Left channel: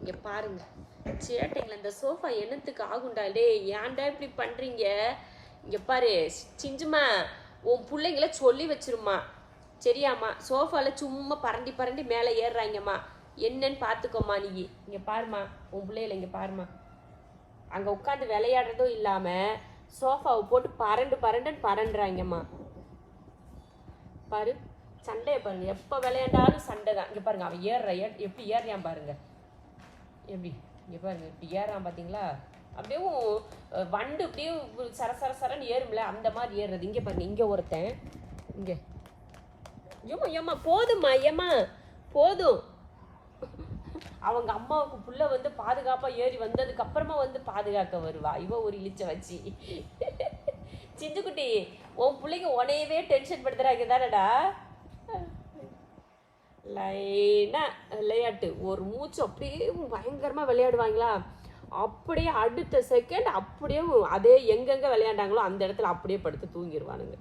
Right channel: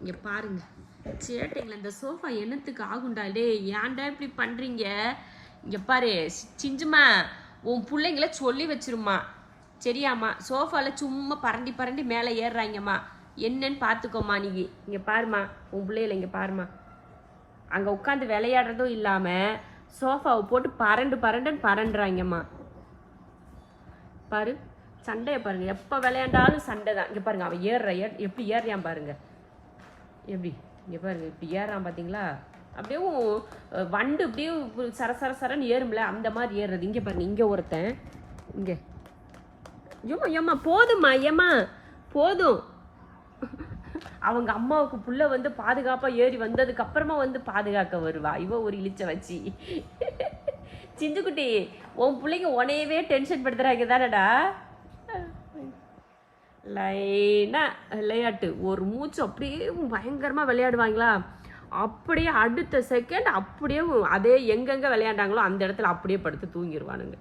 இங்க பாருங்க சேட்டைங்கள இந்த சோஃபா என்னத்துக்கு ஆகுண்டா டே ஏன்டா இப்படி பண்றீங்க இங்க பாரு சிஞ்சுமா உன் பிள்ளைங்கள சொல்லி வச்சிருமா சரியாம்மா சோஃபால சும்மா பரண்டி பரண்டி மேலே ஏறுறாங்கம்மா என்னன்னு பார்த்துக்கோமா நீ இங்க பாருமா உன் பிள்ளைகளை இங்க பாருமா அங்க உட்காந்து விளையாடுறதும் இல்லாம சோஃபாவை போட்டு பரண்டு பரண்டுன்னு பரண்டுறாங்கம்மா பாரு சண்டையை பாருங்க எப்போ விளையாண்டாலும் சண்டை தான் இங்க பாருங்க அவன் எப்படி ஏறுறான் பாருங்க எப்படி இங்க பாருங்க இப்படி ஏறான் பாத்தீங்களா அப்படியே வண்டு அப்படியே சர சர சரன்னு ஏறும்ல அந்த மாதிரி ஏறுறது இங்க பாருங்க இங்க ஒருத்தன் இங்க ஐயோ ஏம்மா போதும்மா ஏம்மா போதும் அவங்க அம்மாவுக்கு புள்ள வந்து பாதுகாப்பா ஏறி வந்ததுக்கு அப்புறமா வந்து பாதுகாக்க வருவா இவ ஒரு இழிச்ச வச்சு சிஞ்சுக்குட்டி உன் பிள்ளைங்க உனையவே டென்ஷன் படுத்துறாங்க தானடா லைனா விளையாட்டு ஒரு மூச்சு அப்படியே பயங்கரமா விளையாடுவாங்களா அப்படியே அடுத்த செகண்ட் அப்படியே அதே எங்கெங்க விளையாண்டாங்களோ அந்த இடத்துல அப்படியே படுத்து தூங்கிடுவானுங்க